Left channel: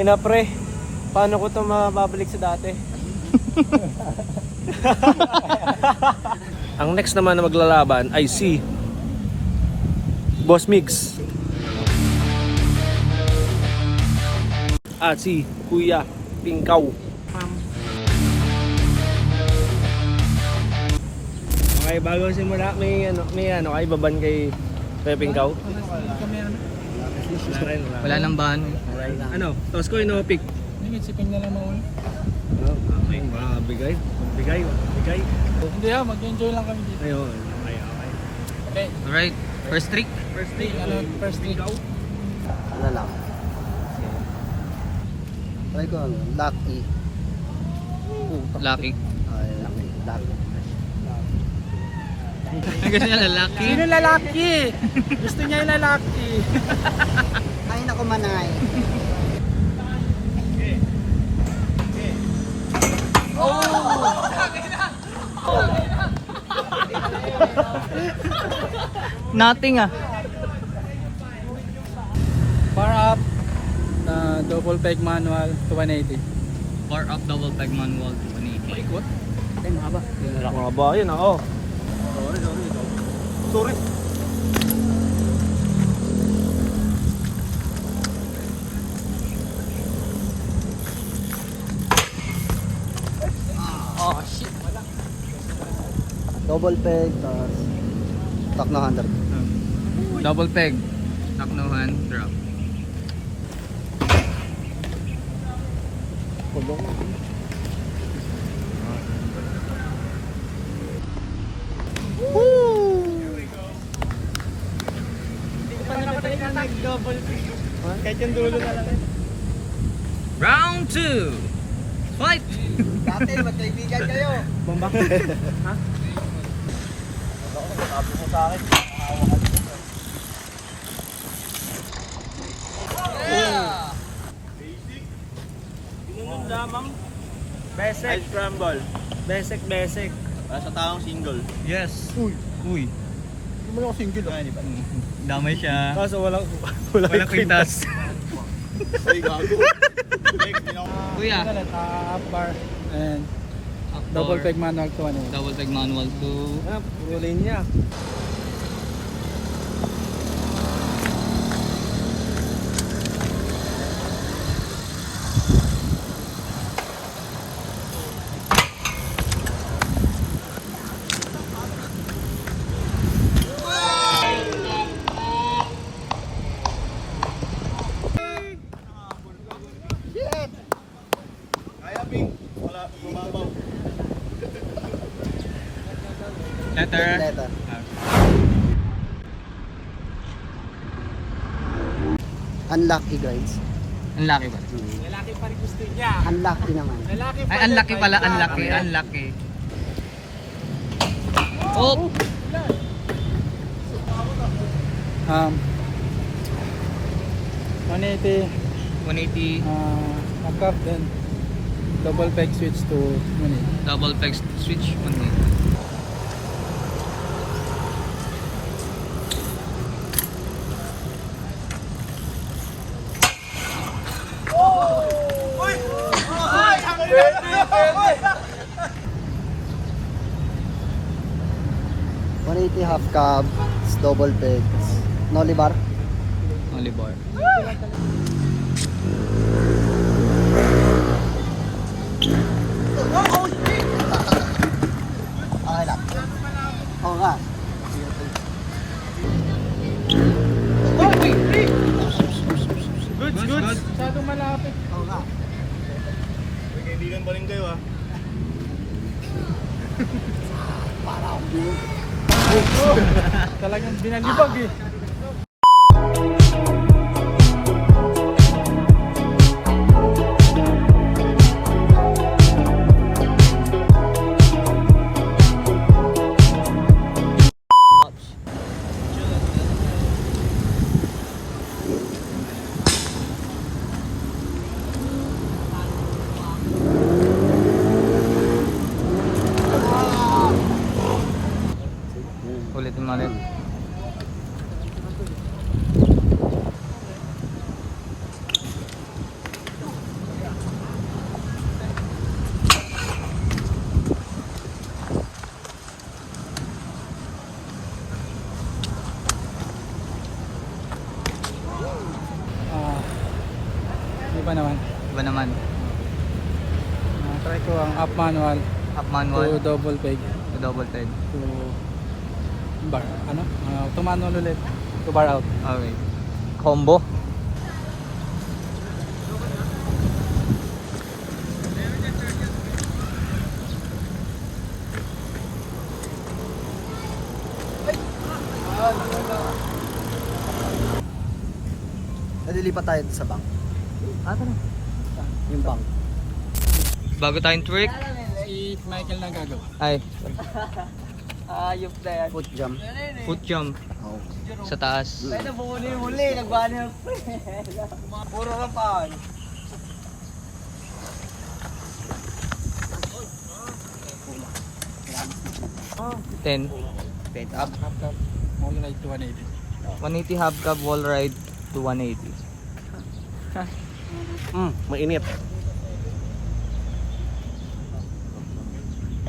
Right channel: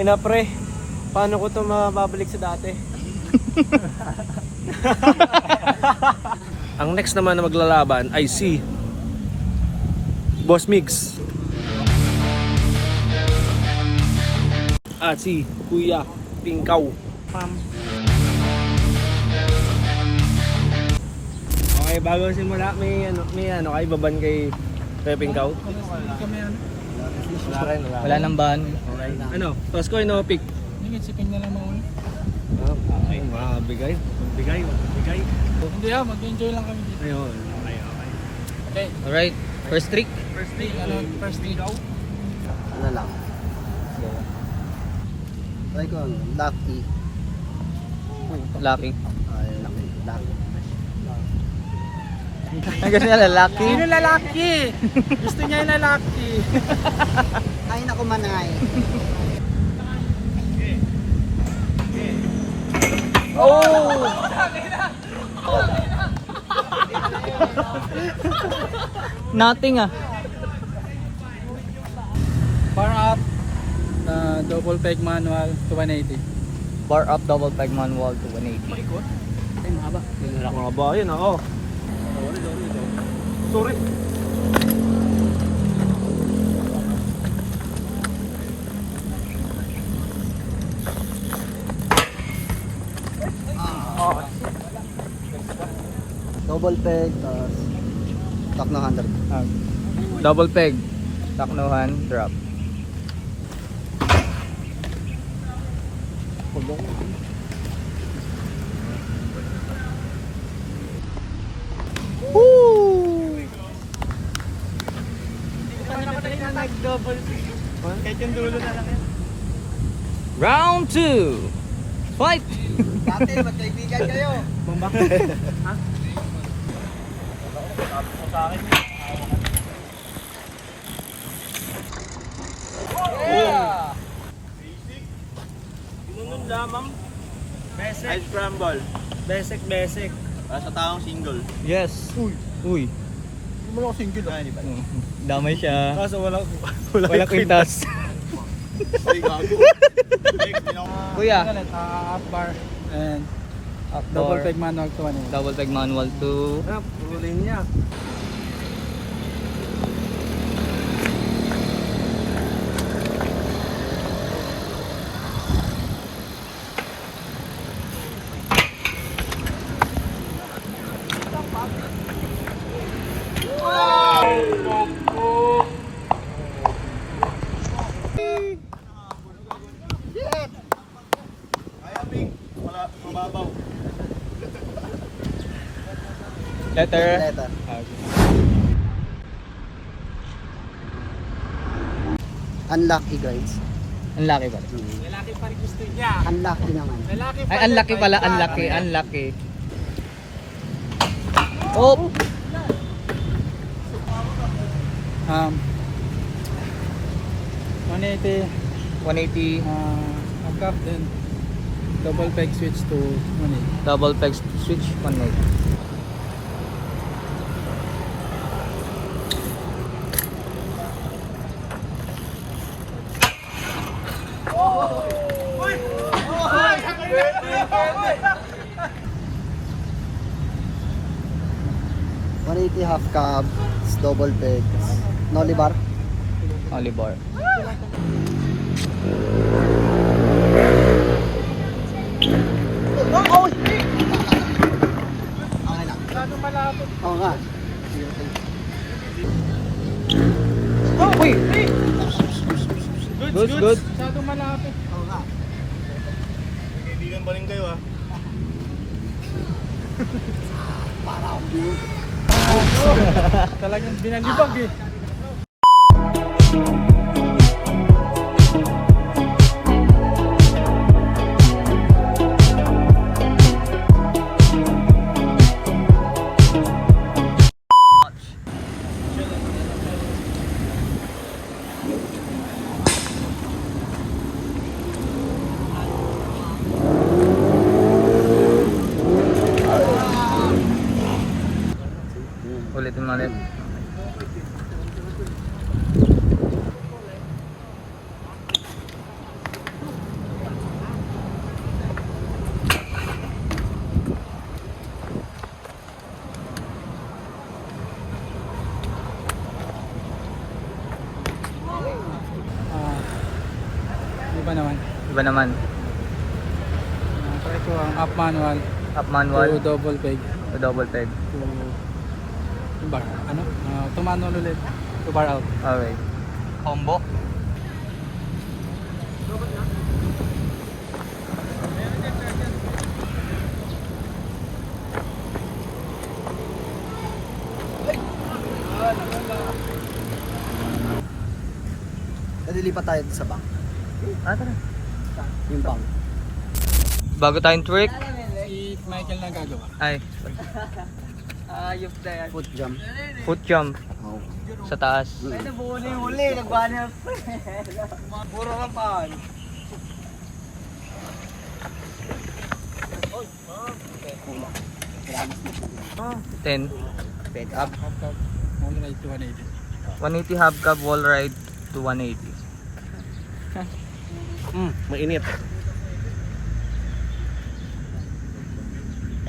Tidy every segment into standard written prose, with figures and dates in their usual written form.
Tangina pre, paano ko ito mababalik sa dati? Ang next naman na maglalaban ay si Boss Migs at si Kuya Tingkaw. Okay, bago simula, may kay baban kay Kuya Tingkaw. Wala nang ban. Ano? Toss ko no pick. Sipin na lang mo. Okay, magbigay. Magbigay. Hindi mag-enjoy lang kami dito. Ayun. Okay. Alright, first trick. First trick. First trick. Ano lang. Try ko ano, lucky. Lucky. Ay, lucky. Ang gusto niya lalaki. Sino lalaki? Gusto niya yung lalaki. Ay, naku manay. Nothing ah. Bar up. Double peg manual to 180. Bar up, double peg manual to 180. Ikot. Ay, mahaba. Mga ba yun ako. Sorry. Oh, shit. Double peg, tapos stock na 100. Double peg. Taknohan, drop. Kahit yung dulo na lang yan. Round 2. Fight! Dati, magkaibigan kayo. Bombak. Ha? Yeah! Tinunod lamang. Besek. Ice scramble. Besek. Para sa taong single. Yes. Uy. Hindi mo lang ako single. Di ba? Damay siya. Kaso walang Walang kwintas. Ay, gago. Kuya. Up bar and Up double bar. peg manual to 180. Double peg manual to Ano, puro linya. Wala, mababaw. letter. Letter. Unlucky guys. Ang laki ba? Lalaki pa rin gusto niya. Unlucky naman. Lalaki Ay, unlucky pala. Unlucky. Oh! 180. 180. Up up then double peg switch to 180. Double peg switch manual. $180 half cab, double peg, nollie bar. Oliver. Okay lang. Oo nga. Good. Masyadong malapit. Oo nga. Kaibigan pa rin kayo ah. Talagang binalibag eh. Ulitin mo ulit. iba naman. Try ko ang up manual Up to manual double peg to double peg. to bar. Ano? To manual ulit. To bar out. Okay. Combo. Nalilipat tayo sa bank. Tara. Yung bank. Bago tayong trick. Si Michael na gagawa. Ay, Ayop na yan. Foot jump. foot jump Oh. sa taas. Pwede buo na yung huli, nag-banner. Puro lang paan. Ten. Bend up. Half cup. Only ride to 180. 180 half cab wall ride to 180. Mainit.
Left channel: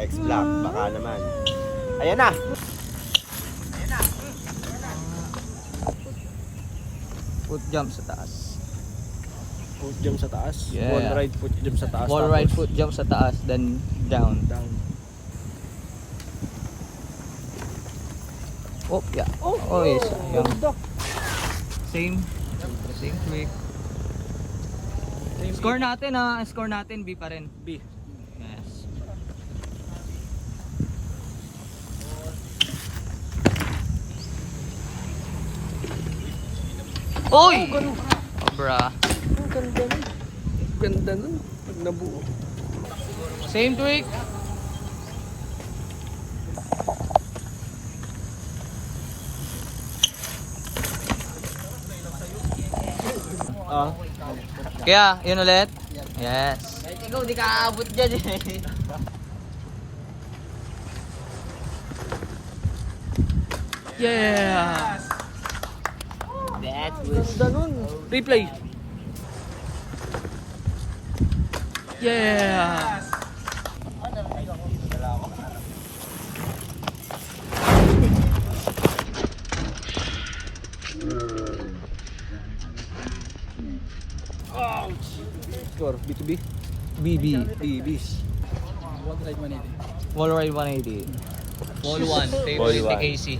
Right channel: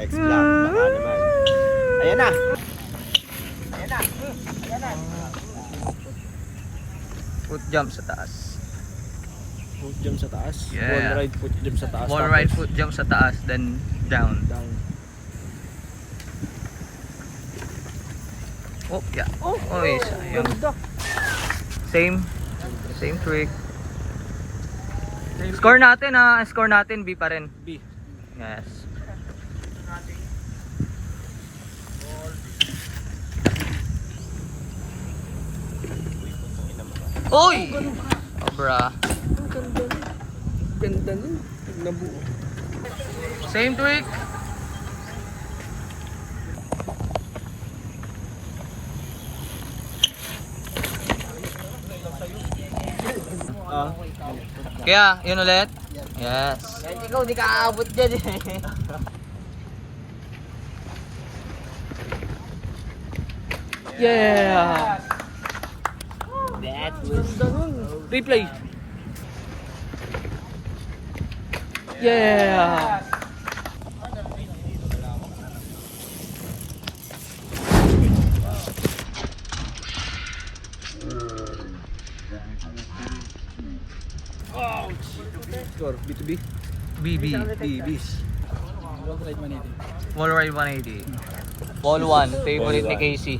X-Black, baka naman. Ayan na! Foot jump sa taas. Foot jump sa taas. Yeah. Wall ride, foot jump sa taas. Wall tapos ride foot jump sa taas, then down. down. Oh, yeah. Oy, sayang. Same trick. Score natin score natin B pa rin. B. Yes. Oy! Obra. Ganda nun. Pag nabuo. Same trick. Kaya, yun ulit. Yes. Ikaw di ka aabot dyan eh. Yeah. That was ganun. Replay. Yeah. Score, B2B. BB. BBs. Wall ride 180. Wall ride 180. Ball 1. Favorite Ball ni one. Casey.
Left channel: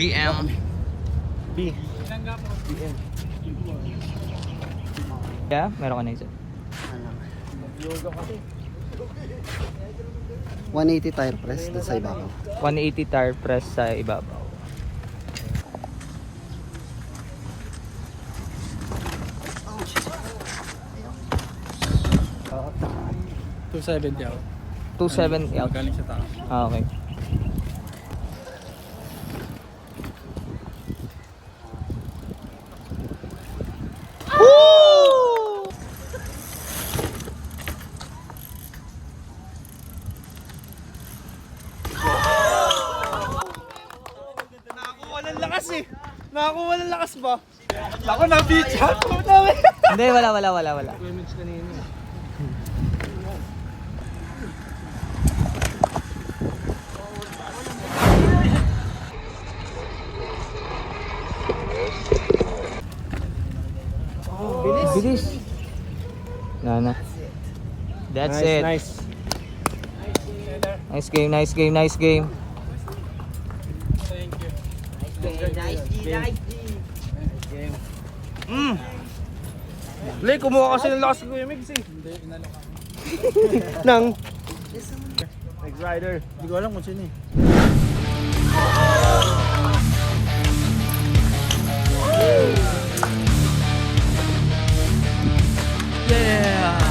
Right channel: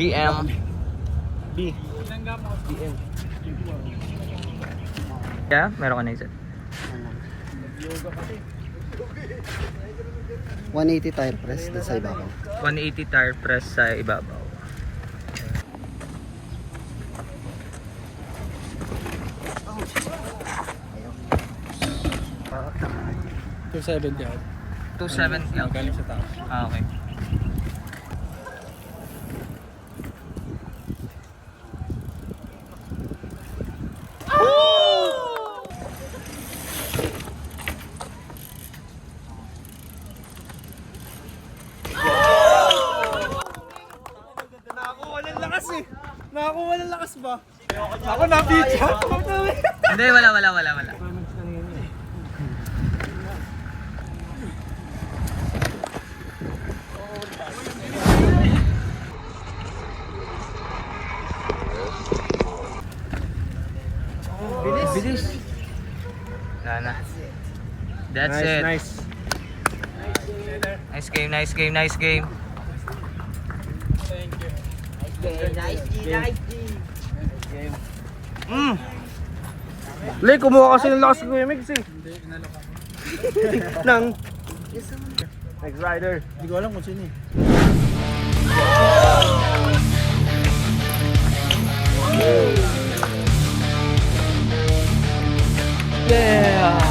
BM. B. BM. Yeah, meron ka na isa. 180 tire press doon sa ibabaw. 180 tire press sa ibabaw. To 70 out. 270 out. Galing sa taas. Ah, okay. Nakakuha ng lakas eh. Nakakuha ng lakas ba? Ako na beach ha. Hindi, wala. Women's kanina eh. Bilis. Na. That's it. Nice. Nice game. Thank you. Le, kumuha kasi ng lakas ng MX eh. Hindi, inano ka. Nang. Next rider. Hindi ko alam kung sino eh. Yeah.